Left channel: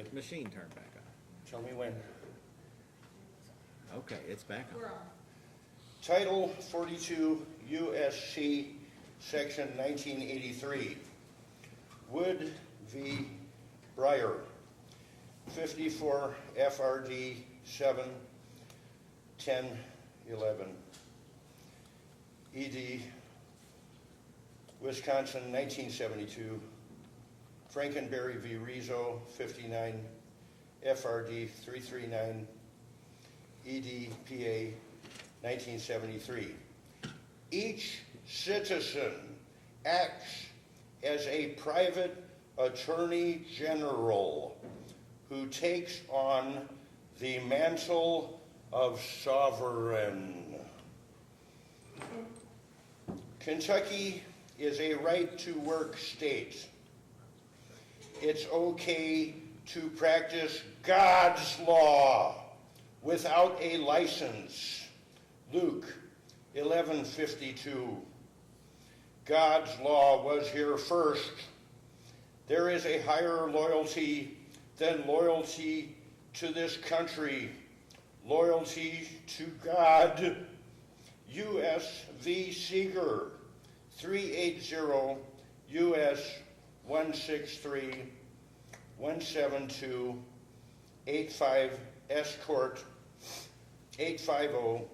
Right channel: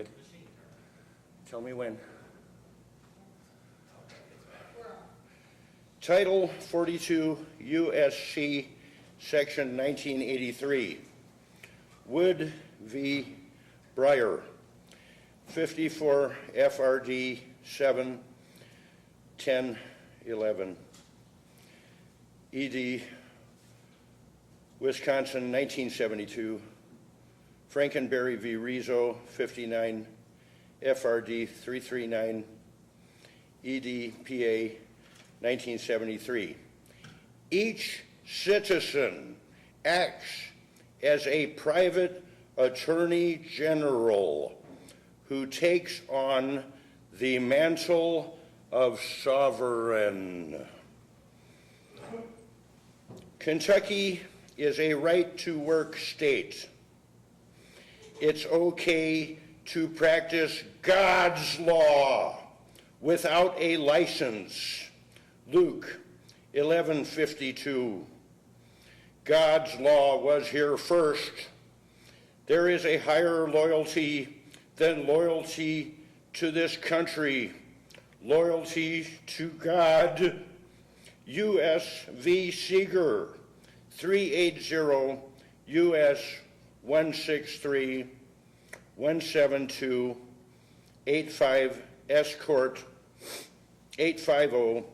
get the machine turned back on. Tell me when. Okay, it's back on. We're on. Title 42 USC Section 1983. Wood v. Breyer, 54 FRD 7 10 11. ED, Wisconsin, 1972. Frankenberry v. Rizzo, 59 FRD 339. ED, PA, 1973. Each citizen acts as a private attorney general who takes on the mantle of sovereign. Kentucky is a right-to-work state. It's okay to practice God's law without a license. Luke 11:52. God's law was here first. There is a higher loyalty than loyalty to this country, loyalty to God. U.S. v. Seeger, 380 U.S. 163 172 85 S Court 850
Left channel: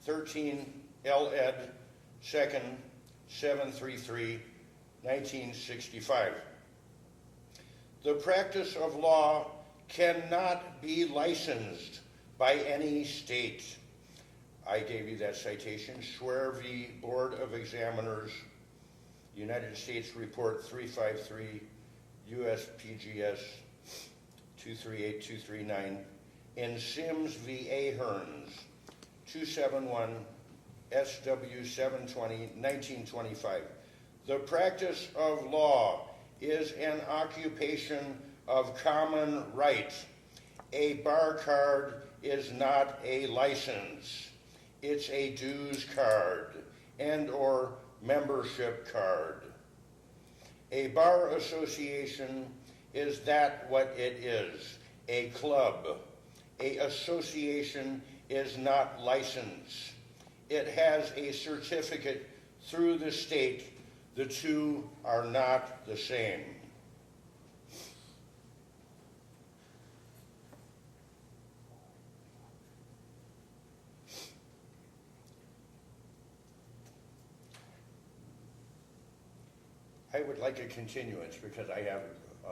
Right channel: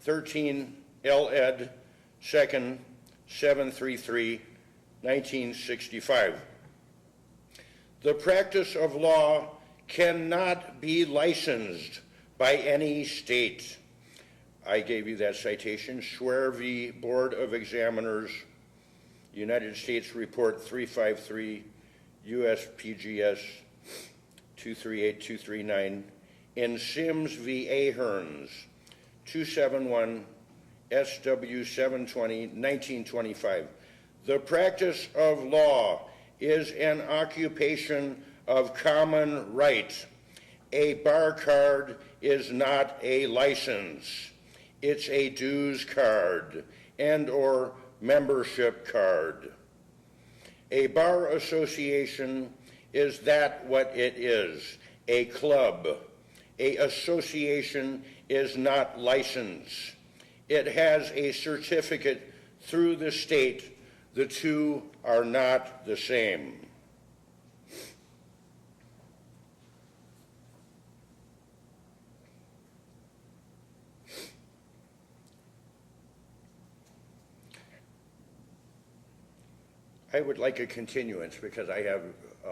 13 L Ed 2nd 733 1965. The practice of law cannot be licensed by any state. I gave you that citation, Schwer v. Board of Examiners, United States Report 353, USPGS 238239, in Sims v. Ahearns, 271, SW 720, 1925. The practice of law is an occupation of common right. A bar card is not a license. It's a dues card and or membership card. A bar association is that what it is, a club. A association is not licensed. It has a certificate through the state. The two are not the same. I would like a continuance because I have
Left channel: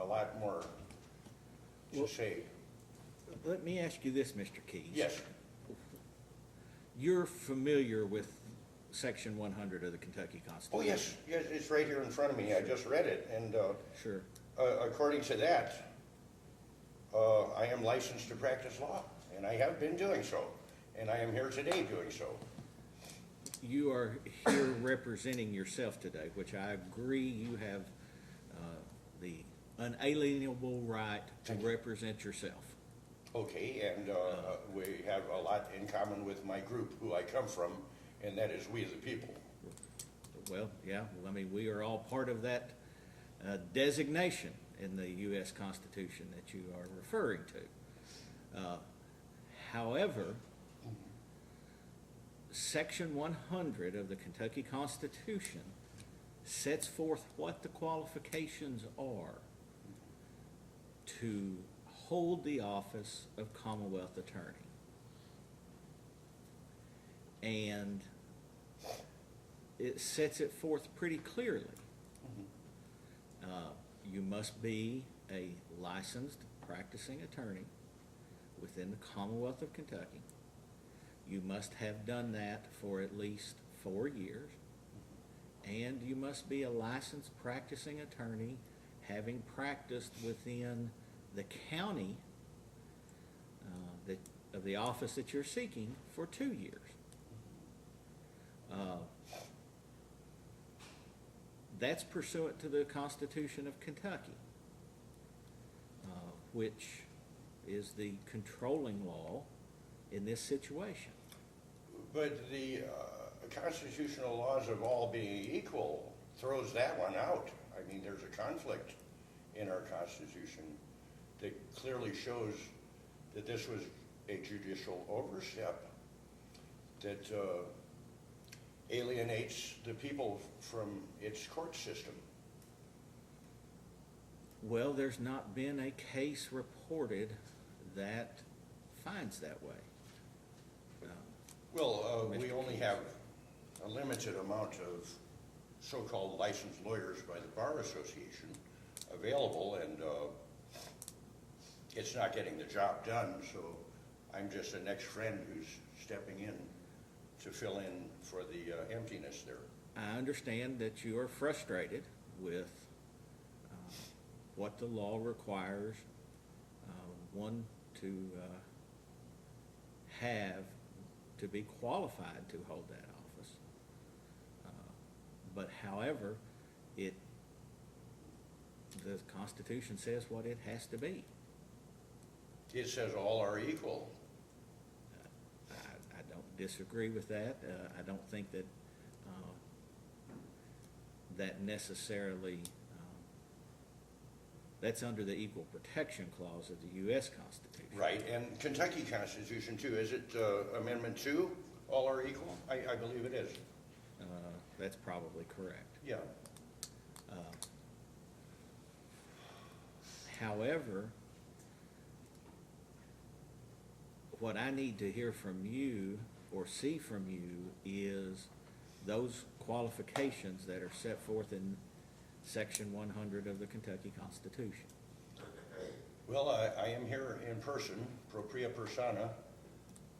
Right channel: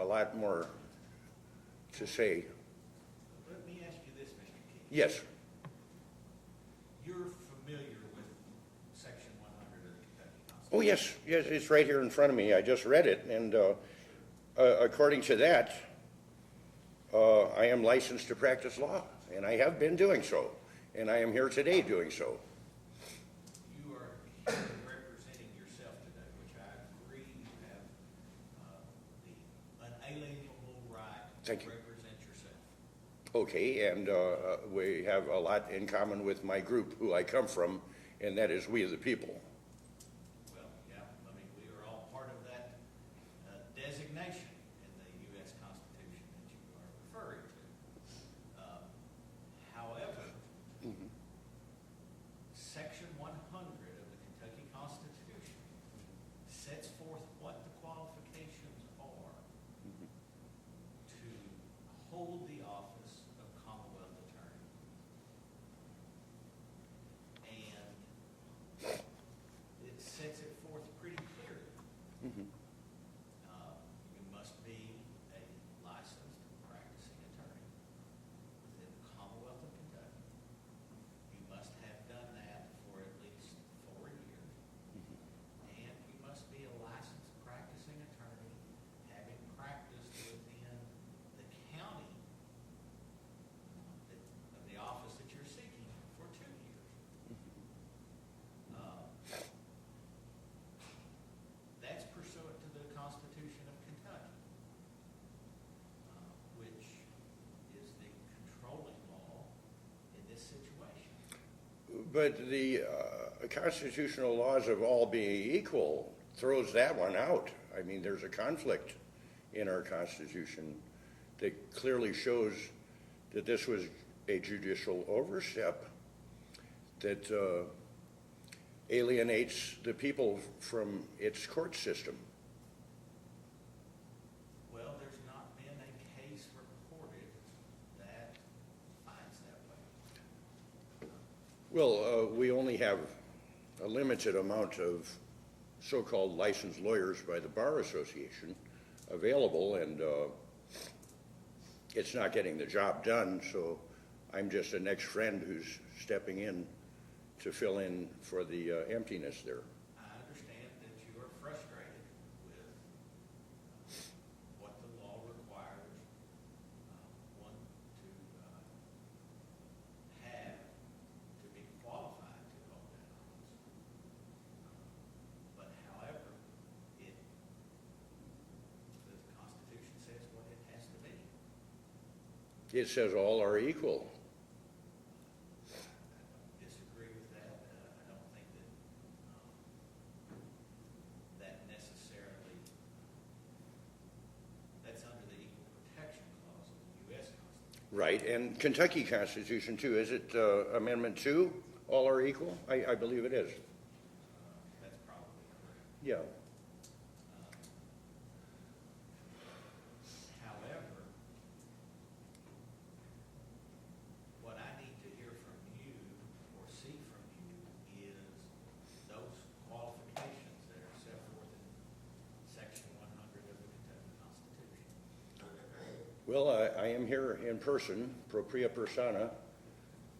a lot more to say. Let me ask you this, Mr. Keyes. Yes. You're familiar with Section 100 of the Kentucky Constitution? Oh, yes, yes, it's right here in front of me. I just read it, and Sure. According to that, I am licensed to practice law, and I have been doing so, and I am here today doing so. You are here representing yourself today, which I agree you have the unalienable right to represent yourself. Okay, and we have a lot in common with my group, who I come from, and that is we the people. Well, yeah, I mean, we are all part of that designation in the U.S. Constitution that you are referring to. However, Section 100 of the Kentucky Constitution sets forth what the qualifications are to hold the office of Commonwealth Attorney. And it sets it forth pretty clearly. You must be a licensed practicing attorney within the Commonwealth of Kentucky. You must have done that for at least 4 years. And you must be a licensed practicing attorney having practiced within the county of the office that you're seeking for 2 years. That's pursuant to the Constitution of Kentucky, which is the controlling law in this situation. But the constitutional laws of all being equal throws that one out. I mean, there's a conflict in our Constitution, that clearly shows that this was a judicial overstep that alienates the people from its court system. Well, there's not been a case reported that finds that way. Well, we only have a limited amount of so-called licensed lawyers by the Bar Association available, and it's not getting the job done, so I'm just an ex-friend who's stepping in to fill in for the emptiness there. I understand that you are frustrated with what the law requires one to have to be qualified to hold that office. But however, the Constitution says what it has to be. It says all are equal. I don't disagree with that. I don't think that that necessarily, that's under the Equal Protection Clause of the U.S. Constitution. Right, and Kentucky Constitution too. Is it Amendment 2, all are equal? I believe it is. That's probably correct. Yeah. However, what I need to hear from you or see from you is those qualifications that are set forth in Section 100 of the Kentucky Constitution. Well, I am here in person, propria persona.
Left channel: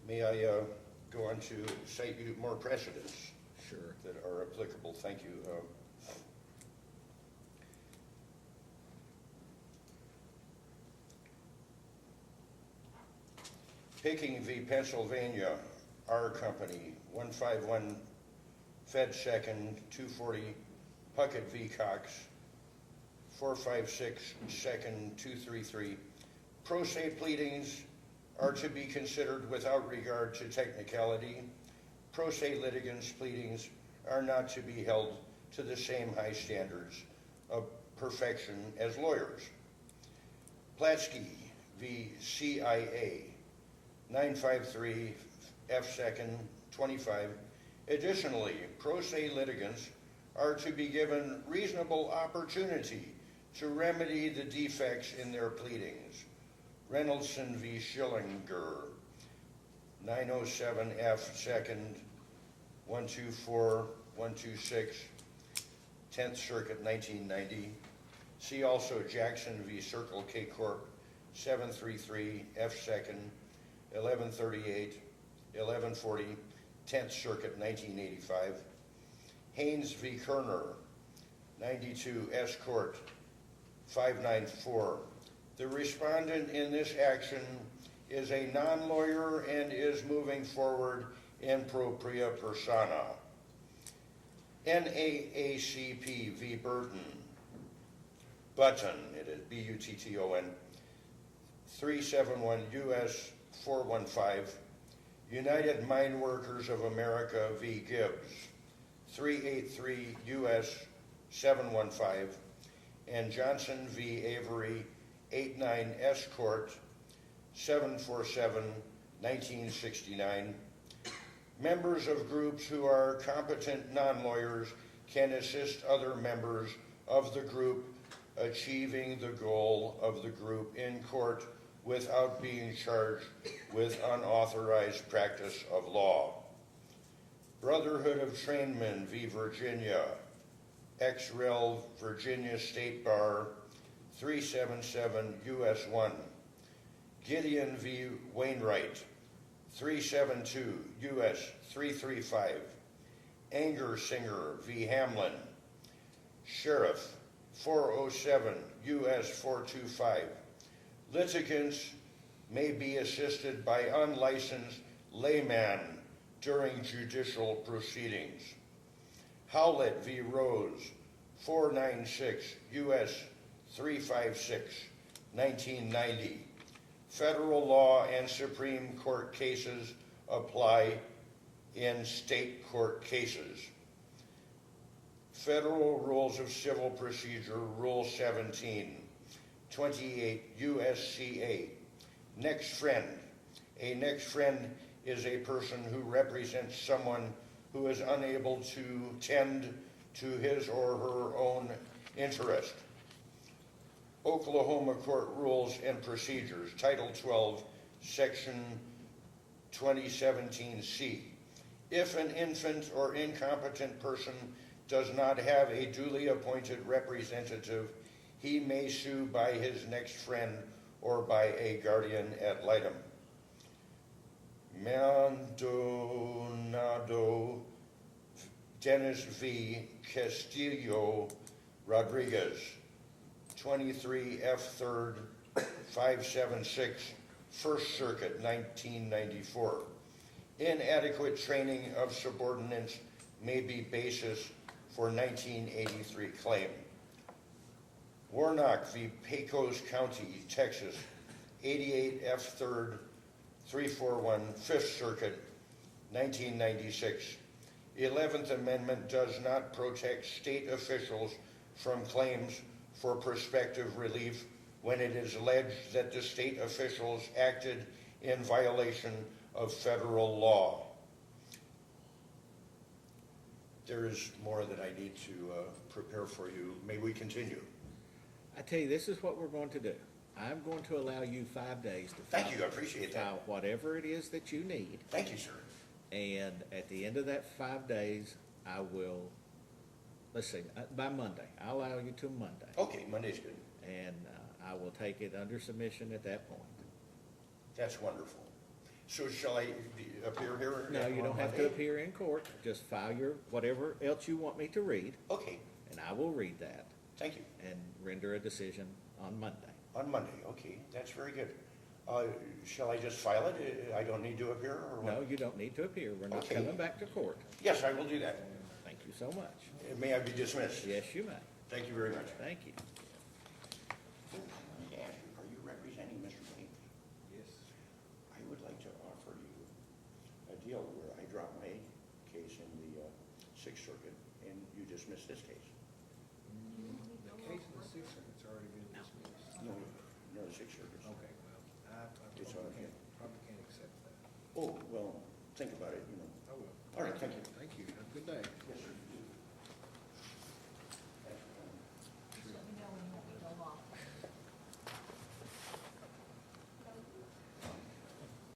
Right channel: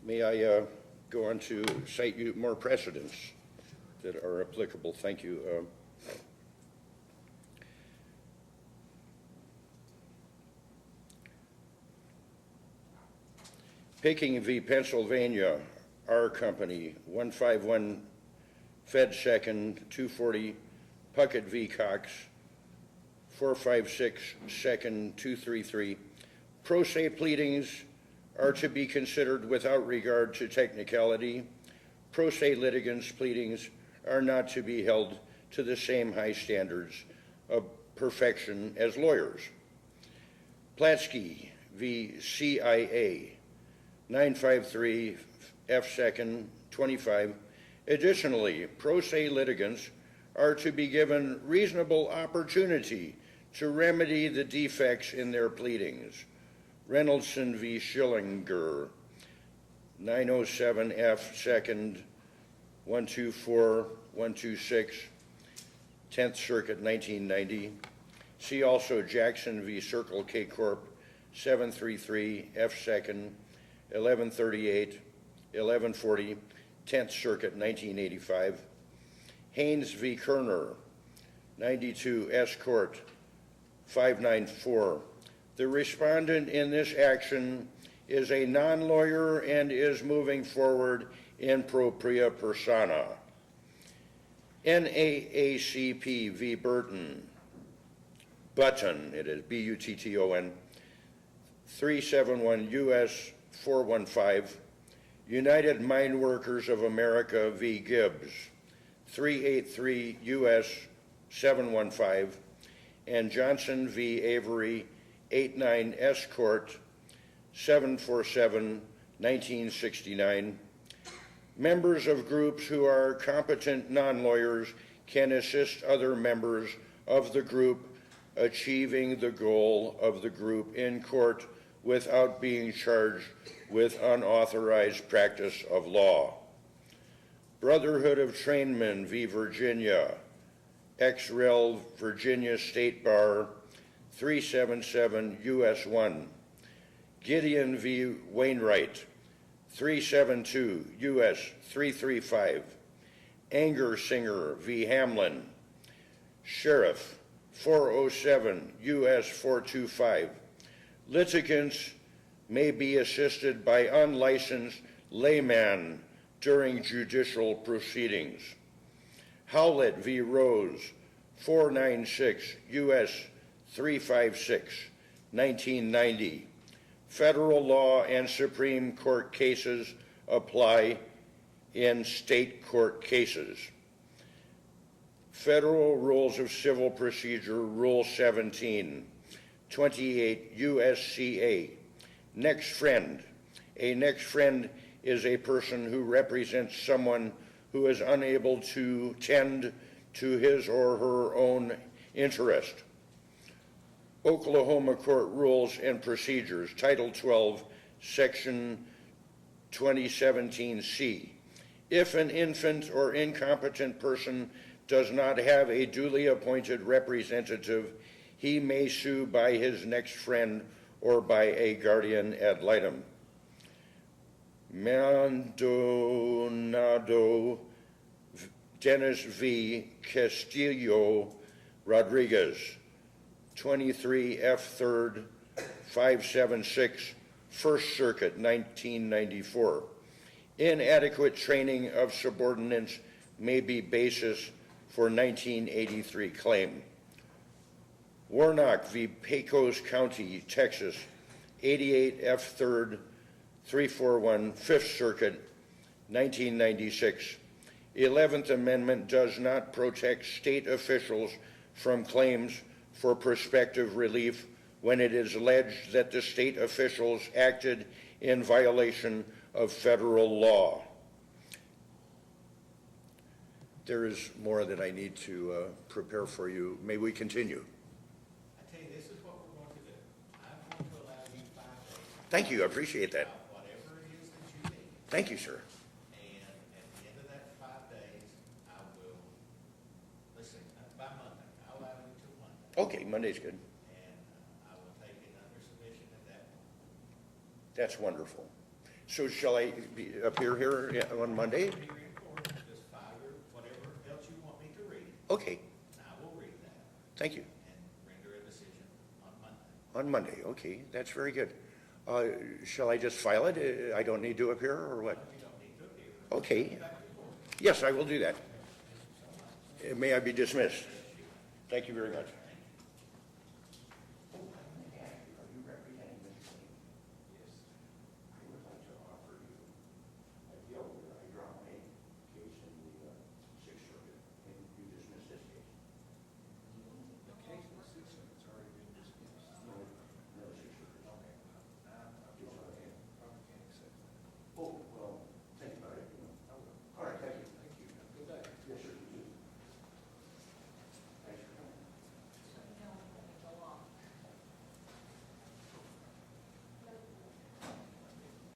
May I go on to cite you more precedents Sure. that are applicable? Thank you. Peking v. Pennsylvania, R Company, 151 Fed Second, 240, Puckett v. Cox, 456 Second, 233. Pro se pleadings are to be considered without regard to technicality. Pro se litigants' pleadings are not to be held to the same high standards of perfection as lawyers. Platsky v. CIA, 953 F Second, 25. Additionally, pro se litigants are to be given reasonable opportunity to remedy the defects in their pleadings. Reynoldson v. Schillinger, 907 F Second, 124, 126, 10th Circuit, 1990. See also Jackson v. Circle K Corp, 733 F Second, 1138, 1140, 10th Circuit, 1985. Haynes v. Kerner, 92 S Court, 594. The respondent in this action is a non-lawyer and is moving forward in propria persona. NAACP v. Button, it is B-U-T-T-O-N, 371 U.S. 415, United Mine Workers of America v. Gibbs, 383 U.S. 715, and Johnson v. Avery, 89 S Court, 747, 1969. Members of groups who are competent non-lawyers can assist other members of the group achieving the goal of the group in court without being charged with unauthorized practice of law. Brotherhood of Trainmen v. Virginia, ex-rel Virginia State Bar, 377 U.S. 1. Gideon v. Wainwright, 372 U.S. 335. Anger Singer v. Hamlin, Sheriff, 407 U.S. 425. Litigants may be assisted by unlicensed layman during judicial proceedings. Howlett v. Rose, 496 U.S. 356, 1990. Federal law and Supreme Court cases apply in state court cases. Federal Rules of Civil Procedure, Rule 17, 28 USCA. Next friend. A next friend is a person who represents someone who is unable to tend to his or her own interest. Oklahoma Court Rules and Procedures, Title 12, Section 2017C. If an infant or incompetent person does not have a duly appointed representative, he may sue by his next friend or by a guardian ad litem. Maldonado Dennis V. Castillo Rodriguez, 23 F. 3rd 576, First Circuit, 1994. Inadequate training of subordinates may be basis for 1983 claim. Warnock v. Pecos County, Texas, 88 F. 3rd 341, Fifth Circuit, 1996. 11th Amendment does not protect state officials from claims for prospective relief when it is alleged that the state officials acted in violation of federal law. There is more that I need to prepare for you. May we continue? I tell you, this is what we're going to do. I'm going to allow you 5 days to Thank you, I appreciate that. file whatever it is that you need. Thank you, sir. And at the end of that 5 days, I will, let's see, by Monday, I'll allow you till Monday. Okay, Monday's good. And I will take it under submission at that point. That's wonderful. So shall I appear here Now, you on don't have to Monday? appear in court, just file your, whatever else you want me to read, Okay, and I will read that thank you. and render a decision on Monday. On Monday, okay, that's very good. Shall I just file it? I don't need to appear or Well, what? you don't need to appear. We're not Okay. coming back to court. Yes, I will do that. Thank you so much. May I be dismissed? Yes, you may. Thank you very much. Thank